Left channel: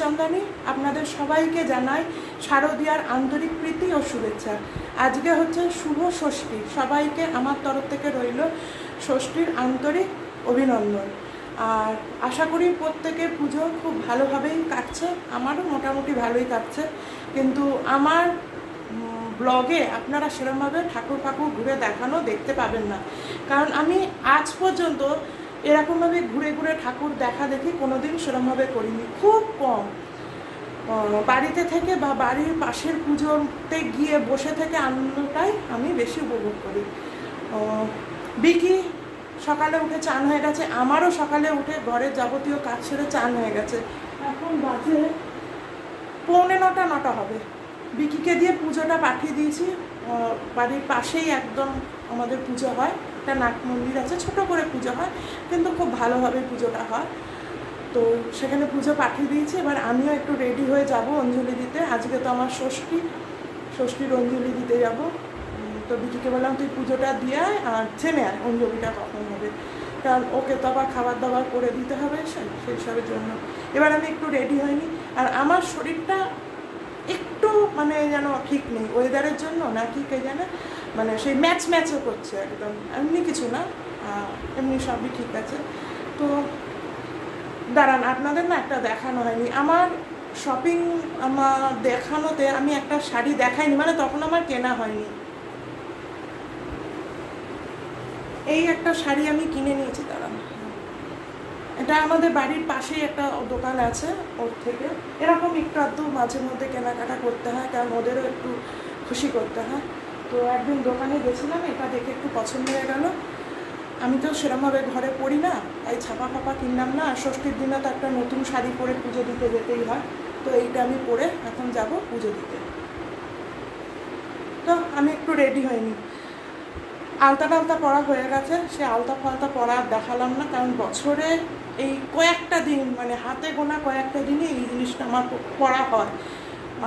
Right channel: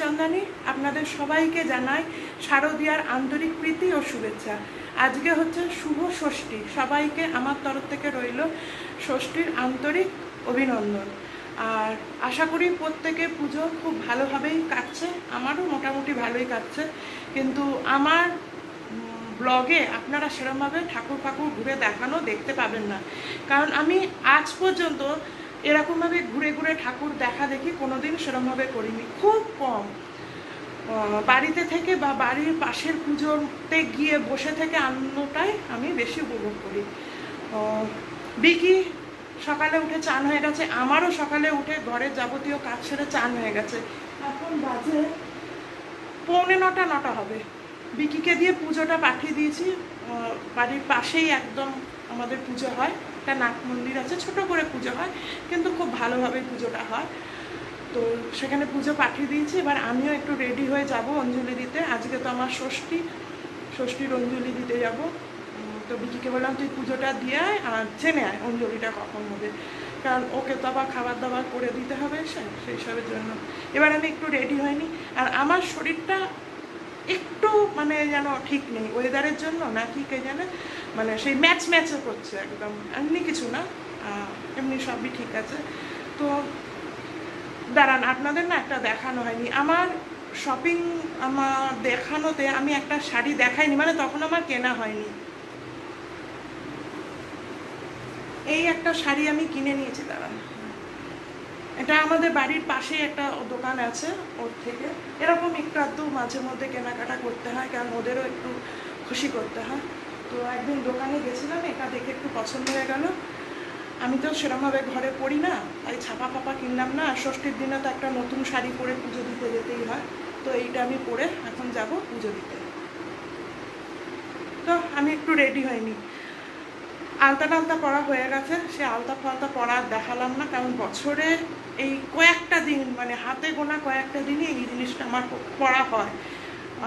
চন্দানী আপনাদের সবাইকে জানাই শারদীয়ার আন্তরিক প্রীতি ও শুভেচ্ছা। আজকে হচ্ছে শুভ ষষ্ঠী, সবাইকে আমার তরফ থেকে রইল ষষ্ঠীর আন্তরিক অভিনন্দন। আর আশা করি প্রত্যেকে পুজো খুব ভালোভাবেই কাটছে, আমারও মোটামুটি ভালোই কাটছে। কিন্তু আমার ব্লগে আপনারা সেরকমভাবে ঠাকুর ফাকুর ঘুরে দেখানো দেখতে পাবেন না, কারণ আমি আজ পর্যন্ত এরকমভাবে ঘুরে ঘুরে ঠাকুর দেখা দেখি কোনোদিন সেরকমভাবে করিনি, খুব কম। বাড়িতে থেকে বা বাড়ির পাশের পুজোতে গিয়ে বসে থেকে আনন্দটাই আমি বেশি উপভোগ করি। বিকি সকালে উঠে চান হয়ে গেছে, আমারও সকালে উঠে ঘরের যাবতীয় কাজ সেরে চান হয়ে গেছে। এখন বাজে 8:45 হবে। বিকিকে দিয়ে পুজোটা পাঠিয়ে দিয়েছি। বাড়ির পাশেই একদম আমাদের পুজো হয়, একটা নাট মন্দির আছে, ছোট করে পুজো হয় কিন্তু খুব ভালোভাবে পুজোটা হয়। তো সেখানে পুজো পাঠিয়ে দিয়েছি। এবার আমিও একটু রেডি হয়ে যাব অঞ্জলি দিতে। আজকে তো আমার ষষ্ঠীর অঞ্জলি দিতে যাব। তো বিকিকে বললাম তুই পুজোটা দিয়ে আয় আর জেনে আয় অঞ্জলিটা কখন হবে, কারণ ওকে তো আবার খাবার দাবার করে দিতে হবে সেই সবের জন্য। এবার আমি একটু রেডি হইনি, আর আমার শরীরটা একটু মানে যেন ঠিক নেই, ওয়েদারের জন্য না কি কে জানে, মানে সেই ম্যাচও করছে একদম, এমনি কিছু না, এমনি সবই ঠিক আছে। তো দাঁড়ান, আপনাদের না একটা দেখানো হয়নি আমার শপিং, আমার দেখানোতে আমি একটা শাড়ি দেখাইনি, মানে তখন আমার কেনা হয়নি। এই একটা শাড়ি আমি কিনে নিয়েছি, দাঁড়ান, এটা আমাদের বাড়ির পাশেই একটা দোকান আছে, ওর থেকে এরকম একটু আধটু মাঝে মধ্যে কেনাকাটা করতে হয়, কারণ ওদেরও একটু খুশি করতে হয়। তো একদিন দোকানে গেছিলাম, এটা দেখে একটু পছন্দ হয়ে গেল। আমি তো সেরকমভাবে ঘরে পরি না, তাই ছাপা ফাপা কিনলাম না। ষষ্ঠীর দিনে তো একটা নতুন শাড়ি পরে পুজো দিতে যেতেই হয়, তো এইটা আমি পরে এখন যাব পুজো দিতে। তো আমি একটু রেডি হইনি, আলতা টালতা পরা হয়ে গেছে। সে আলতা ফালতা পরা দেখালাম না, কারণ বছরে এই কয়েকটা দিন, মানে হাতে গোনা কয়েকটা দিনই এই জিনিসটা আমার পরা হয়।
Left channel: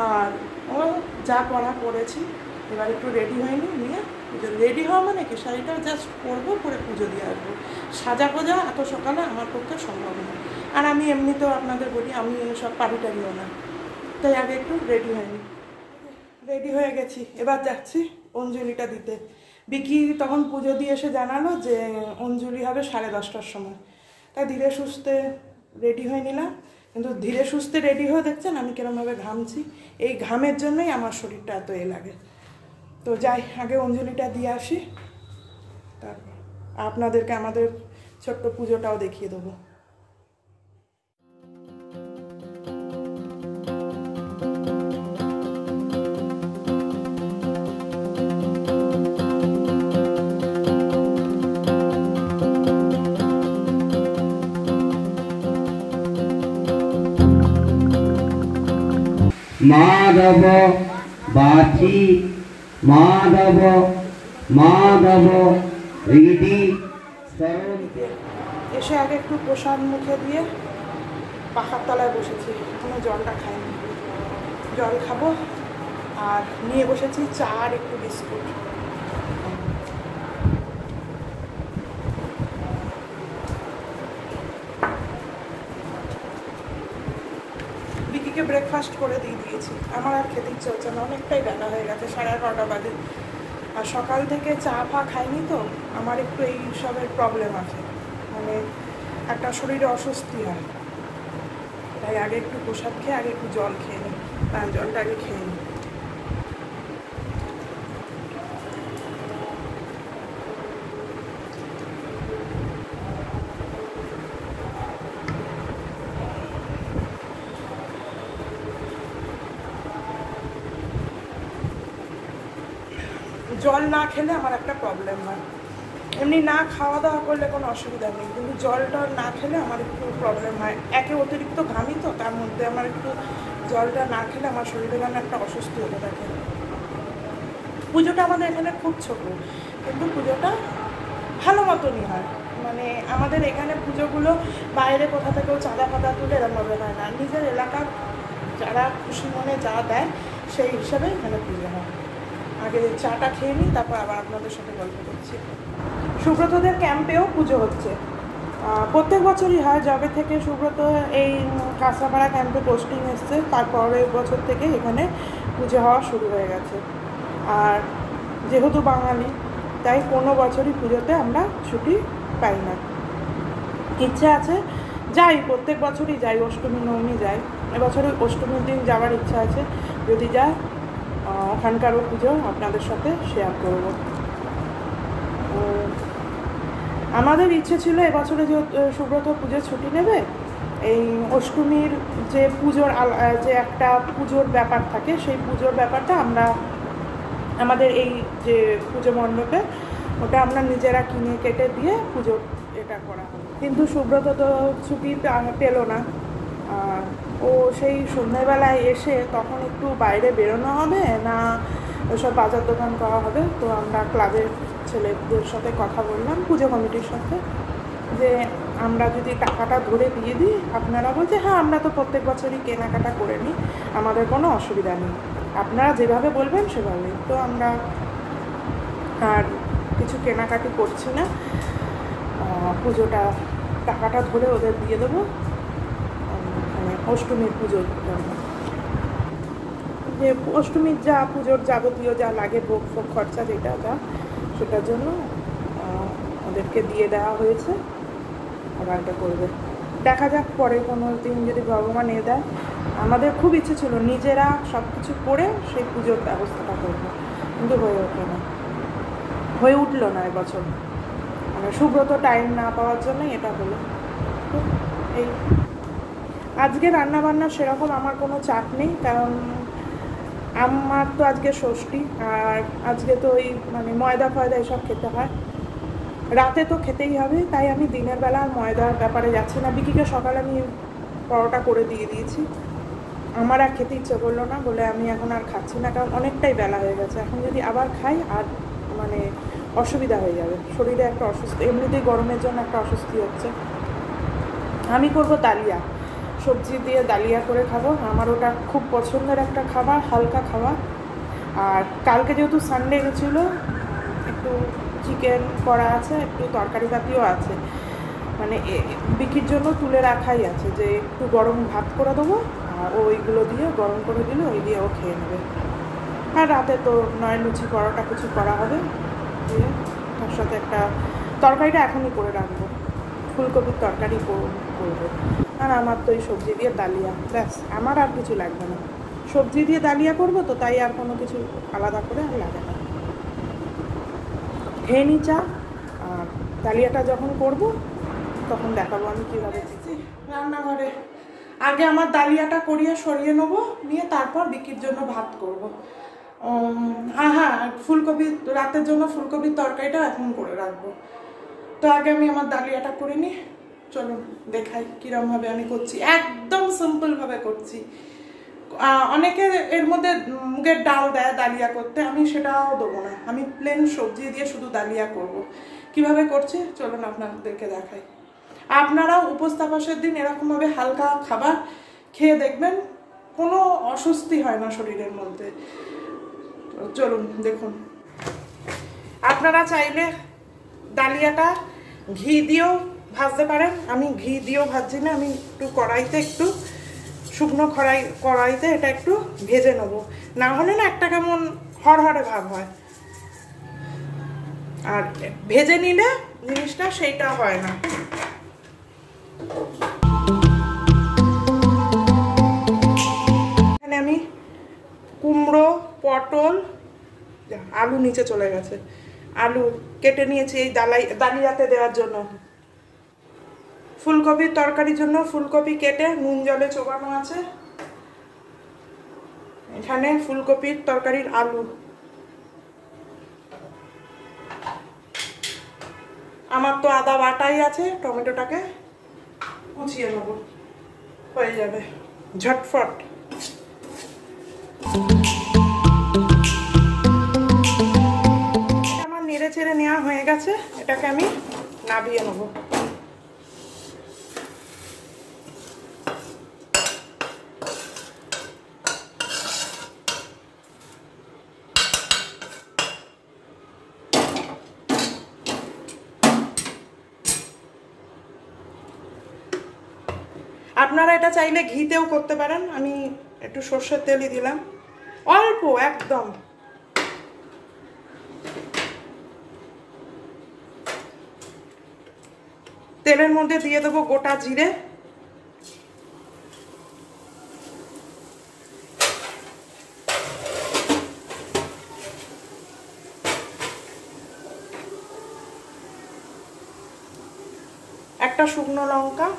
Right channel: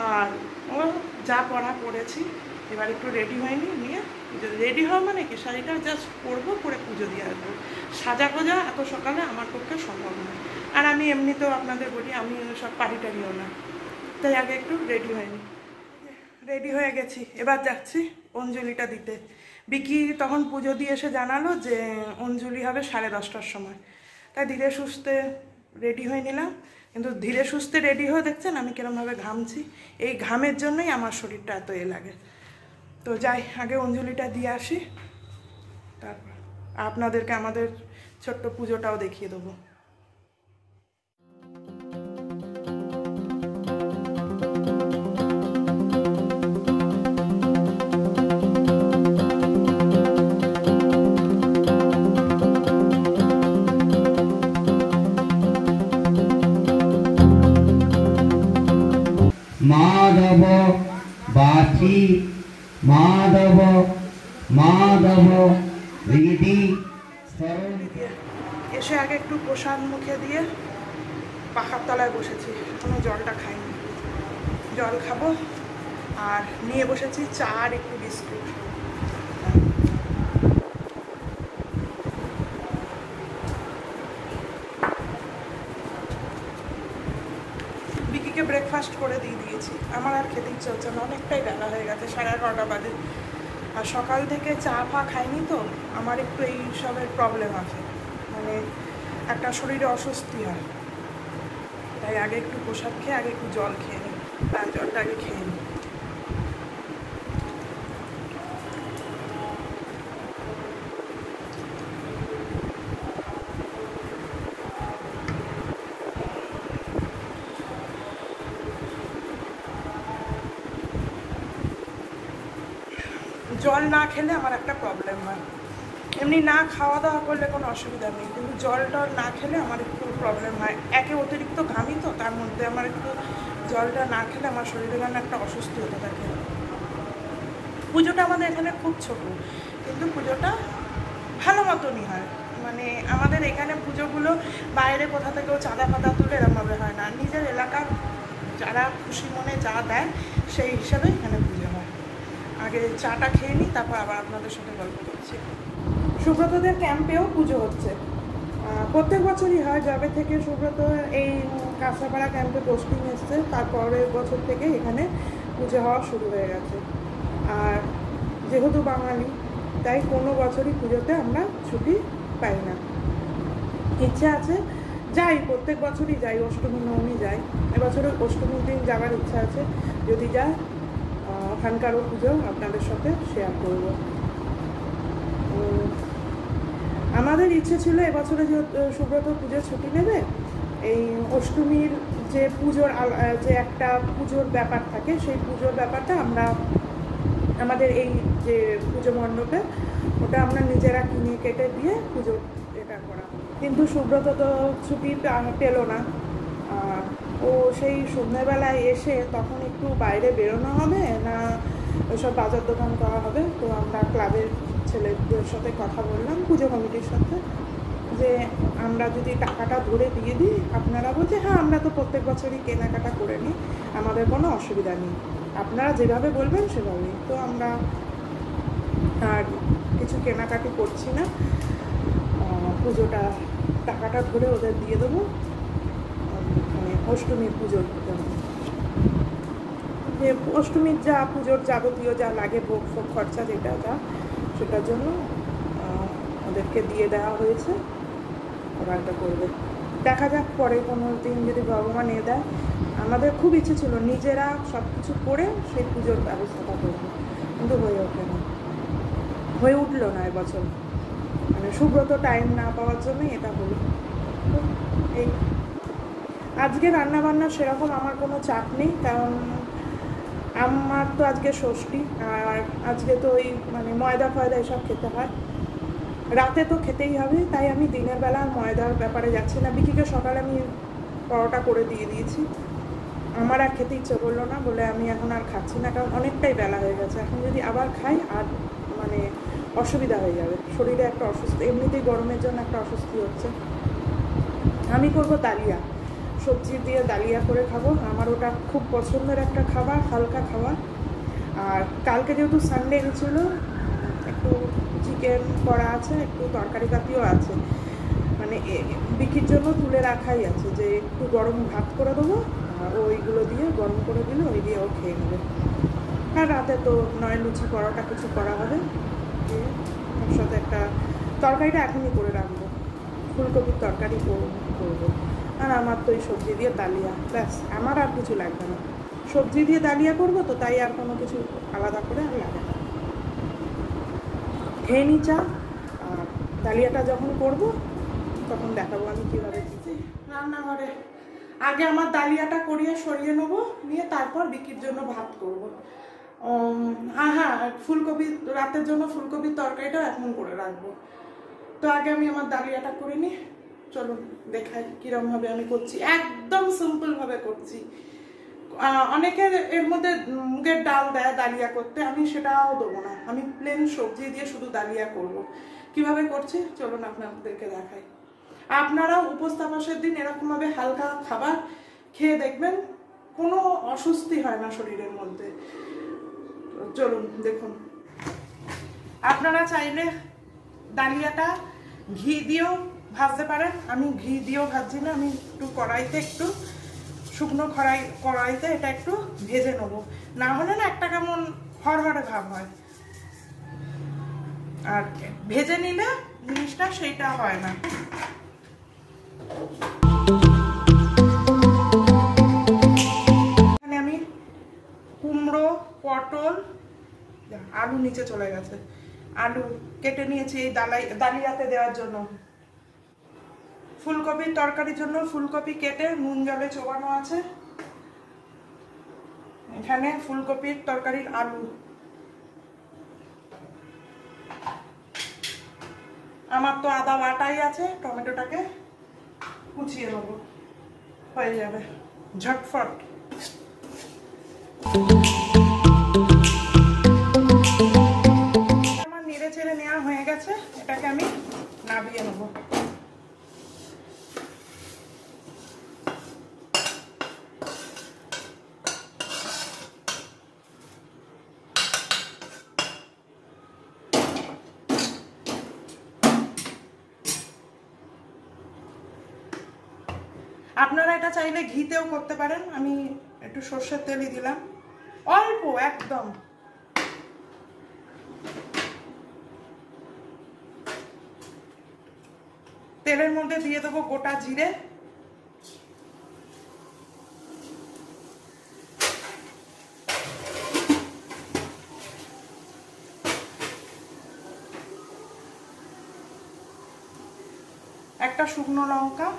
আর ও যা পরা পরেছি, এবার একটু রেডি হয়নি, নিয়ে পুজো রেডি হওয়া মানে কি শাড়িটা জাস্ট পরবো, পরে পুজো দিয়ে আসবো। সাজা গোজা এত সকালে আমার পক্ষে সম্ভব নয়, আর আমি এমনিতেও আপনাদের বলি আমি সব পারিটারিও না, তাই আগে একটু রেডি হয়নি। রেডি হয়ে গেছি, এবার যাচ্ছি অঞ্জলিটা দিতে। বিকি তখন পুজো দিয়ে এসে জানালো যে অঞ্জলি হবে 10:30টার সময়, তাই ধীরে সুস্থে রেডি হয়ে নিলাম। কিন্তু ধীরে সুস্থে রেডি হয়ে দেখছেন আমি কিরমভাবে ঘামছি, এই ঘামের জন্যই আমার শরীরটা এত লাগে। তো যাই, আগে অঞ্জলিটা দিয়ে আসি, তারপর আপনাদেরকে আমাদের ছোট্ট পুজোটাও দেখিয়ে দেবো। माधव बाची माधव माधव रीति এসে আগে একটু প্রসাদ মুখে দিয়ে পাখার তলায় বসেছি, এখনো জলটা খাইনি, জল খাবো। আর নিয়ে বসেছি চা আর একটু বিস্কুট। বিকিকে ব্রেকফাস্ট করে দিয়ে দিয়েছি, আমার আর খেতে ইচ্ছে হচ্ছে না, অনেকটাই বেলা হয়ে গেছে, 11:30 বাজে। আর সকাল থেকে চা ফা খাইনি, তো আমার একটু এই সবের প্রবলেম আছে, মানে একটা শরীরে অস্বস্তি হয়, তাই আগে একটু প্রসাদ খেয়ে আগে একটু জল খেয়ে নিই, তার জলটা আগে খেয়ে নিই। জল না খেলে আমার একটা প্রবলেম হয়, এমনি না খাওয়া দাওয়া করলে কোনো অসুবিধা নেই, কিন্তু জল টল না খেলে আমার একটু প্রবলেম হয়। একে অতিরিক্ত ঘামি, তো তার মধ্যে আমার একটু জলটা না খেলে আমার শরীরে যেন একটা অস্বস্তি হতে থাকে। পুজোটা আমাদের এখানে খুব ছোট, কিন্তু পুজোটা ভালো মতনই হয়, মানে আমাদের এখানে পুজোগুলো বাইরে কোথা থেকেও চাঁদা ফাঁদা তুলে এরমভাবে হয় না, নিজের এলাকার যারা খুশি মনে যা দেয় সেই হিসাবে এখানে পুজো হয়। আগে চাটা খেয়ে নিই, তারপর আবার আপনাদের সাথে গল্প করছি। সুব্রতদের ক্যাম্পেও পুজো হচ্ছে, প্রত্যেক বছরই হয়, যবে থেকে সুব্রত এই কাঁচরাপাড়া ক্যাম্পে পোস্টিং এসছে তারপরের বছর থেকে এখানে পুজো হওয়া শুরু হয়ে গেছে। আর যেহেতু বাঙালি তাই কোনো বছরই পুজোতে আমরা ছুটি পাই না। ইচ্ছে আছে যাই, প্রত্যেক বছরই যাই, অষ্টমী নবমী যাই। এবছরে অষ্টমীর দিন যাওয়ার ইচ্ছা আছে, যদি যাই ওখানকারও পুজো আপনাদের সাথে শেয়ার করব। আমাদের ইচ্ছে ছিল এবছরে যে সুব্রত পুজোর ছুটি নেবে, এই অষ্টমীর যে পুজোর যে একটা পুজোর ব্যাপার থাকে সেই পুজোর ব্যাপারটা আমরা আমাদের এই যে পুজো মণ্ডপে ওটা আমরা নিজেরা কিনে কেটে দিয়ে পুজো এটা করা হবে। কিন্তু সুব্রত তো ছুটি পেল না। ও সেই সন্ধ্যেবেলায় এসে তখন একটু বাইরে বেরোনো হবে না ওসব বাজার দোকান করা হবে। তো আমরা ক্লাবের ছেলেদের সাথে কথা বললাম, পুজো কমিটির সাথে, যে আমরা যদি টাকাটা ধরে দিয়ে দিই, আপনারা বলছে হ্যাঁ আমরা তো প্রত্যেক বছরই কেনাকাটা করে নিই, আমাদের কোনো অসুবিধা নেই, আপনারা যেভাবে বলবেন সেভাবেই। তো আমরা আর কিছু কেনাকাটি করছি না, পুজোটা টাকাটা ধরে ওদের দিয়ে দেবো মানে অষ্টমীর পুজোর জন্য। যে অষ্টমীর যা পুজোর যাবতীয় যা লাগে ভোগ ফোগ খরচা যেটা যা সেটার জন্য ওদেরকে দিয়ে দেওয়া হয়েছে। ওরা এটা করবে, দেখা যাক পরে কোনো দিন যদি ভগবান এ দেয়। আমাদের খুব ইচ্ছে ছিল নিজেরা সব কিছু করে সেই পুজোর ব্যবস্থাটা করবো, কিন্তু হয়ে ওঠে না, হয়ে উঠলো না এবছর, মানে সুব্রত টাইম না পাওয়ার জন্যই এটা হলো। তো এই আজকে রান্নাবান্না সেরকম আমার কোনো চাপ নেই, কারণ আমার তো আজকে ষষ্ঠী, আর আজকে তো ওই মানে ময়দা ফয়দা এসব খেতে হয়, রাতে তো খেতেই হবে, তাই আমি দিনের বেলা আর ময়দার ব্যাপারে যাচ্ছি না। বিকিকে সকালে আমি পরোটা করে দিয়ে দিয়েছি, আমার আর খেতে ইচ্ছে করলো না বলে আমি এখন আর খাচ্ছি না, কারণ অনেকটাই বেলা হয়ে গেছে। এখন যদি আবার খাই আর মানে অসুবিধা হয়ে যাবে, শরীরে একটা অসুস্থ, এমনিতেই গরমের জন্য একটা অস্বস্তি হচ্ছে। আমি করব দালিয়া, সবজি দিয়ে দালিয়া করে খাবো, আমার ওটা খুব পছন্দের একটা খাবার, হালকা খাবার। আর কালকে যেহেতু সানডে গেছিলো, একটু চিকেন করা আছে, একটু তরকারি পাতিও আছে, মানে বিকির জন্য তুলে রাখাই আছে, যে একটু গরম ভাত করে দেবো আর ওইগুলো দিয়ে গরম করে দিলে ওই দিয়ে ও খেয়ে নেবে। আর রাতে তো নয় লুচি পরোটা কিছু করা হবে, দিয়ে তার সাথে একটা তরকারিটা এখনই করে রাখবো, ফুলকপির তরকারি করবো। আর আমার তো এই সবজি দিয়ে ডালিয়া, ব্যাস, আমার আর কিছু লাগবে না। সবজি দিয়ে ডালিয়া করবো তো, তাই আর কোনো কিছু আলাদা করে আর লাগে না। খেয়ে নি চা, আর ডালিয়াটা যখন করব তখন দেখাবো আমি কীভাবে দিচ্ছি রান্নাঘরে। আগে আমার ডালিয়াটা করিয়ে সরিয়ে নেবো, নিয়ে তারপর বিকির জন্য ভাত করবো। হ্যাঁ, ফুলকপি রাতের জন্য ফুলকপির তরকারিটা এখন করে রাখবো। তো আগে আমি আমার ডালিয়াটা করে নিই, চলো দেখাই কিরমভাবে আমি করছি। একদম সিম্পলভাবে করছি। অনেকে এর মধ্যে মুগের ডাল দেয় ডালিয়া করতে, আমি সেটাও দেবো না, আমি প্লেন সবজি দিয়ে শুধু ডালিয়া করব। কিভাবে করছি চলুন আপনাদেরকে দেখাই। আপনারাও উপোস তাপসের দিন এরকমভাবে হালকা খাবার খেয়ে দেখবেন, কোনো অস্বস্তি হয় না শরীরের মধ্যে। চলুন দেখুন। আপনারা চাইলে ডালিয়াটা ঘি দিয়েও ভাজতে পারেন, আমি ঘি দিয়েও ভাজছি না, আমি একটু কড়াইতে, একটু শুকনো কড়াইতে এটা একটু ভেজে নেবো, না হলে না একটা কেমন হরহরে ভাব হয়, আর ভেজে নিলে জিনিসটা সেইটা হয় না। এখানে আমি কুমড়ো, পটল, আলু নিচে চলে গেছে, আলু কেটে নিয়েছি এই ডালিয়াতে দেওয়ার জন্য। ফুলকপির তরকারির জন্য ফুলকপি কেটে নুন জলে চোবানো আছে। এখানে ফুলকপির তরকারির আলু, আমার তো আদা বাটাই আছে, টমেটোটাকে কুচিয়ে নেব, হয়ে যাবে ঝটফট। আমার নেড়ে চেড়ে নেওয়া হয়ে গেছে, এটাকে আমি নাবিয়ে নেব। আপনারা এটা চাইলে ঘিতেও করতে পারেন, আমি একটু সর্ষের তেলই দিলাম, অল্প একদম। তেলের মধ্যে দিয়ে দেবো গোটা জিরে, একটা শুকনো লঙ্কা,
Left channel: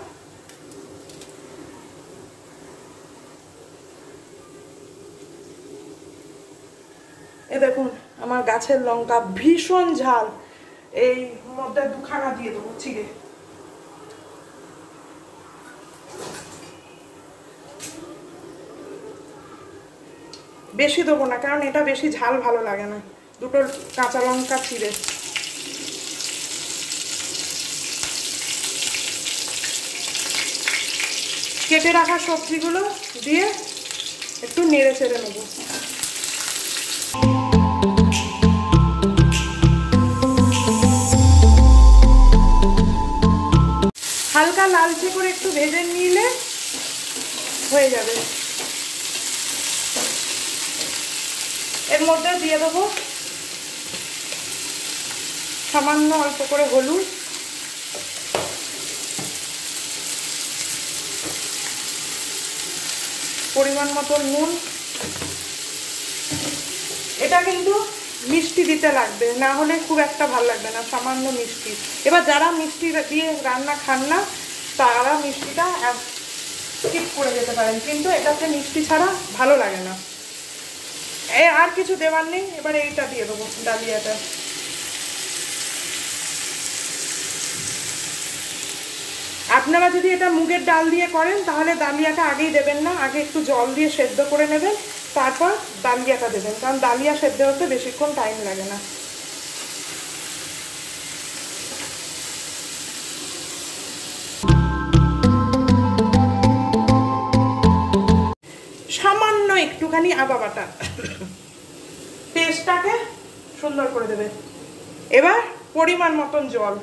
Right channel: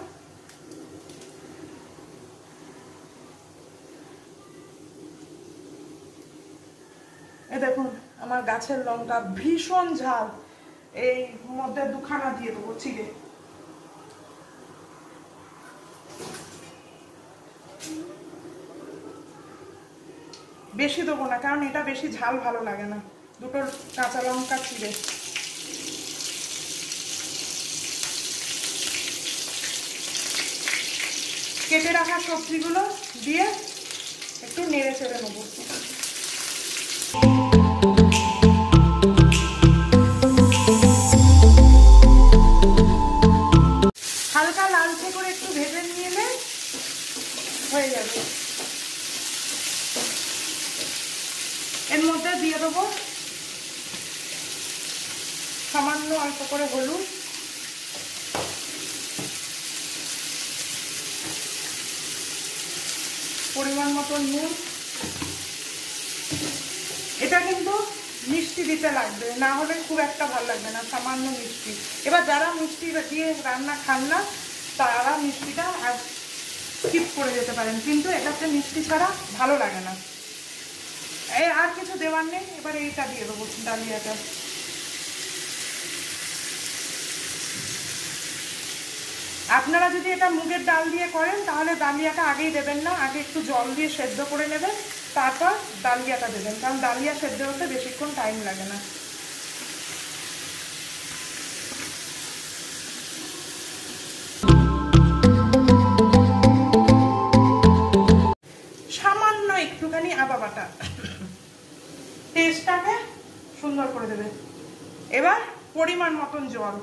এ দেখুন আমার গাছের লঙ্কা ভীষণ ঝাল, এই মধ্যে দুখানা দিয়ে দেবো চিড়ে। বেশি দেবো না, কারণ এটা বেশি ঝাল ভালো লাগে না। দুটো কাঁচা লঙ্কা চিড়ে। কেটে রাখা সবজিগুলো দিয়ে একটু নেড়ে চেড়ে নেব। হালকা লালচে করে একটু ভেজে নিলে হয়ে যাবে। এর মধ্যে দিয়ে দেবো সামান্য অল্প করে হলুদ, পরিমাণ মতো নুন। এটা কিন্তু মিষ্টি দিতে লাগবে, না হলে খুব একটা ভালো লাগবে না, সামান্য মিষ্টি। এবার যারা মিষ্টি দিয়ে রান্না খান না তারা মিষ্টিটা স্কিপ করে যেতে পারেন, কিন্তু এটাতে মিষ্টি ছাড়া ভালো লাগে না। আর কিছু দেওয়ার নেই। এবার এইটা দিয়ে দেবো, ডালিয়াটা। আপনারা যদি এটা মুগের ডাল দিয়ে করেন তাহলে ডালিয়াটা আগেই দেবেন না, আগে একটু জল দিয়ে সেদ্ধ করে নেবেন, তারপর ডালিয়াটা দেবেন, কারণ ডালিয়া সেদ্ধ হতে বেশিক্ষণ টাইম লাগে না। সামান্য একটুখানি আদা বাটা টেস্টটাকে সুন্দর করে দেবে। এবার পরিমাণ মতন জল।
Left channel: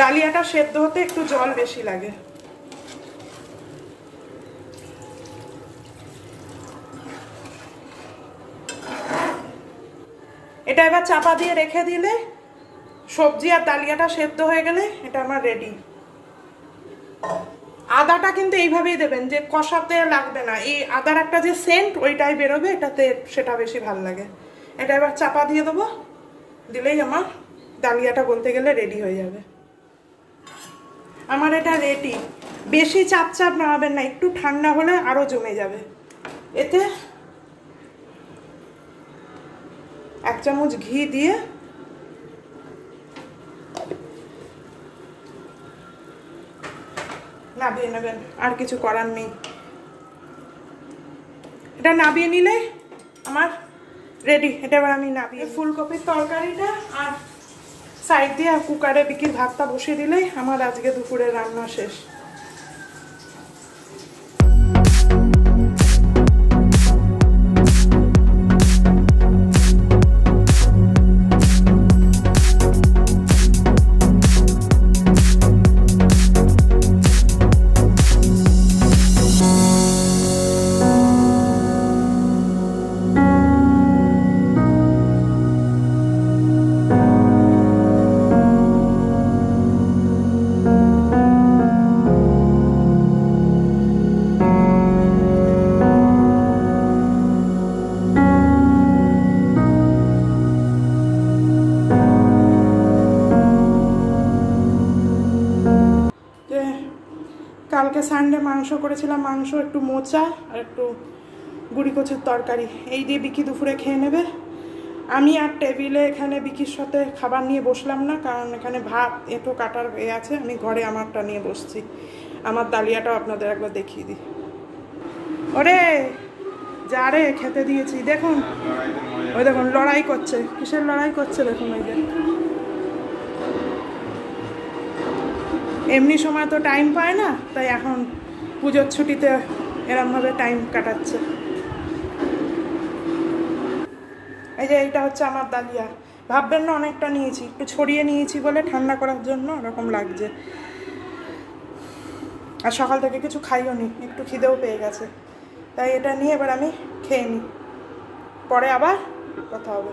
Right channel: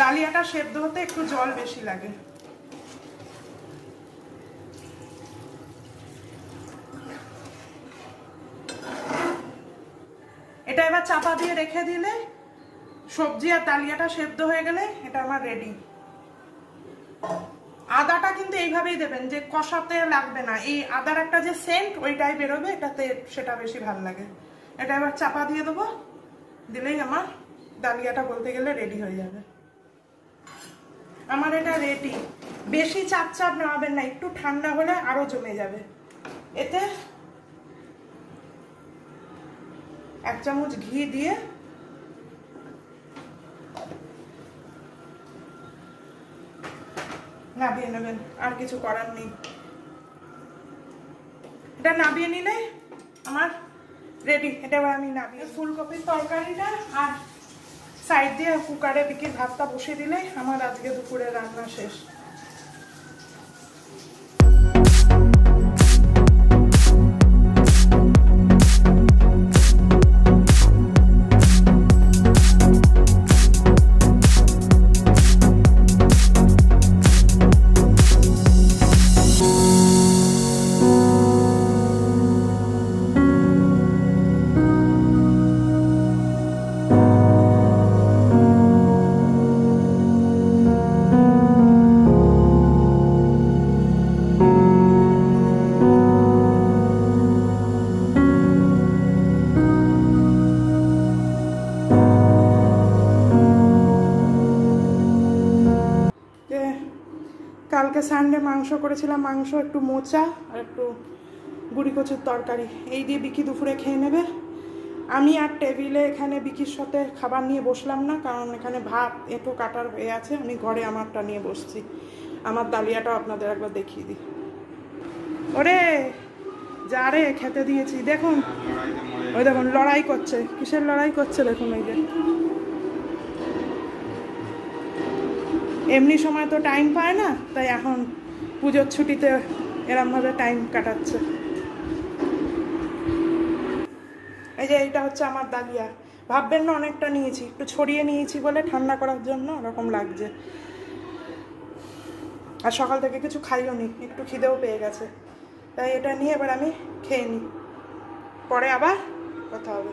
ডালিয়াটা সেদ্ধ হতে একটু জল বেশি লাগে। এটা এবার চাপা দিয়ে রেখে দিলে সবজি আর ডালিয়াটা সেদ্ধ হয়ে গেলে এটা আমার রেডি। আদাটা কিন্তু এইভাবেই দেবেন, যে কষাতে লাগবে না, এই আদার একটা যে সেন্ট ওইটাই বেরোবে, এটাতে সেটা বেশি ভালো লাগে। এটা এবার চাপা দিয়ে দেবো, দিলেই আমার ডালিয়াটা বলতে গেলে রেডি হয়ে যাবে। আমার এটা রেডি। বেশি চাপ চাপ নামাবেন না, একটু ঠান্ডা হলে আরো জমে যাবে। এতে 1 চামচ ঘি দিয়ে নাবিয়ে নেবেন, আর কিছু করার নেই। এটা নাবিয়ে নিলে আমার রেডি। এটা এবার আমি নাবিয়ে ফুলকপির তরকারিটা আর সাইড দিয়ে কুকারে বিকি ভাতটা বসিয়ে দিলেই আমার আজকে দুপুরে রান্না শেষ। কালকে সানডে মাংস করেছিলাম, মাংস একটু মোচা আর একটু গুড়ি কচুর তরকারি, এই দিয়ে বিকি দুপুরে খেয়ে নেবে। আমি আর টেবিলে এখানে বিকির সাথে খাবার নিয়ে বসলাম না, কারণ এখানে ভাত এঁটো কাটার হয়ে আছে, আমি ঘরে আমারটা নিয়ে বসছি। আমার ডালিয়াটাও আপনাদের একবার দেখিয়ে দিই। ওরে যা রে, খেতে দিয়েছি। দেখুন ওই দেখুন লড়াই করছে, কিসের লড়াই করছে দেখুন। ওই যে এমনি সময় তো টাইম পায় না, তাই এখন পুজোর ছুটিতে এরমভাবে টাইম কাটাচ্ছে। এই যে এইটা হচ্ছে আমার ডালিয়া। ভাববেন না অনেকটা নিয়েছি, একটু ছড়িয়ে নিয়েছি বলে ঠান্ডা করার জন্য ওরকম লাগছে। আর সকাল থেকে কিছু খাইও নি, একটু খিদেও পেয়ে গেছে, তাই এটা নিয়ে এবার আমি খেয়ে নিই, পরে আবার কথা হবে।